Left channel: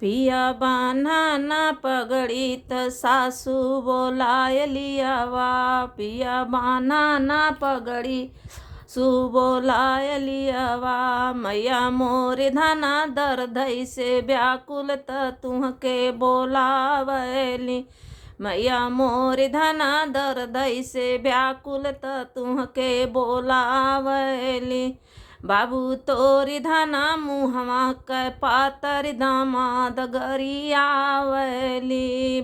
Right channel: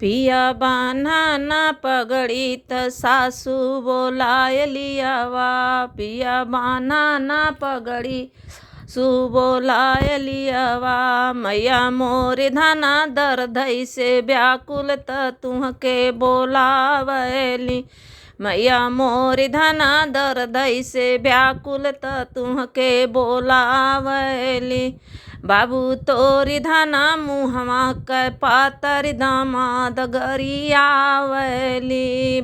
पिया बान्हा ना पगड़ी त सासू बोलाय लियावा। पिया बान्हा ना पगड़ी सु बोलाय लियावा। मैया मोर धना दर्दई से व्याकुल त तुहके बोलावली। मैया मोर धना दर्दई से व्याकुल त तुहके बोलावली। बाबू तोरी धना मुहवा कै पातर दामाद गरियावली।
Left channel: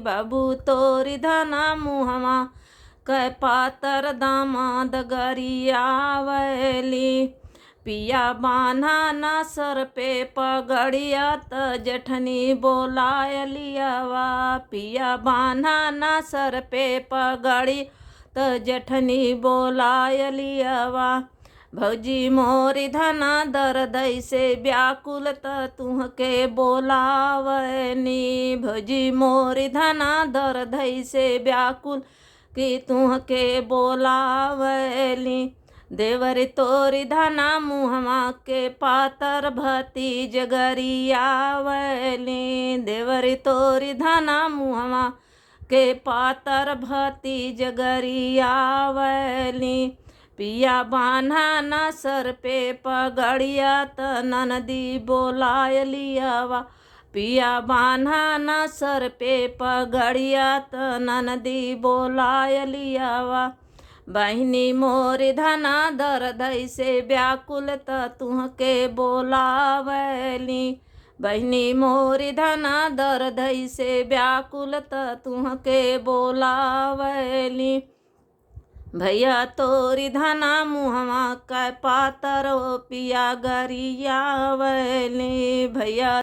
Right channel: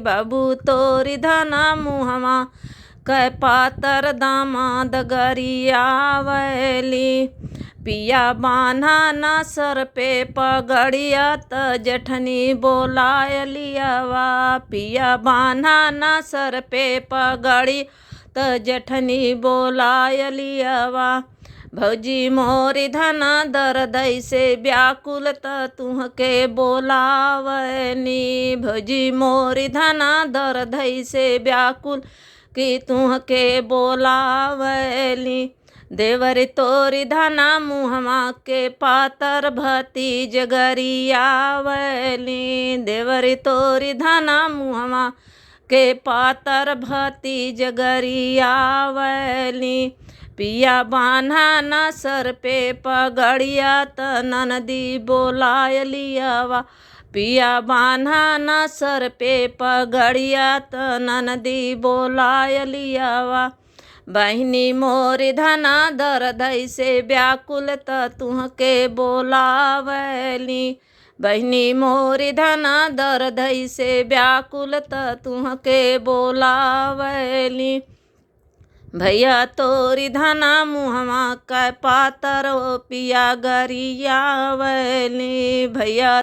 बाबू तोरी धना मुहवा कै पातर दामाद गरियावली। पिया बान्हा ना सर पे पगड़िया त जेठनी बोलाय लियावा। पिया बान्हा ना सर पे पगड़ी त जेठनी बोलाय लियावा। भौजी मोरी धना दर्दई से व्याकुल त तुहके बोलावनी। भौजी मोरी धना दर्दई से व्याकुल कि तुहके बोलावली। देवर तोरी धना मुहवा के पातर भतीज गरियावली। देवर तोरी धना मुहवा के पातर भतीज गरियावली। पिया बान्हा ना सर पे पगड़िया त ननदी बोलाय लियावा। पिया बान्हा ना सर पे पगड़िया त ननदी बोलाय लियावा। बहिनी मोरी धना दर्दई से व्याकुल त तुहके बोलावली। बहिनी मोरी धना दर्दई से व्याकुल त तुहके बोलावली। भैया तोरी धना मुहवा कै पातर पिया गरियावली। भैया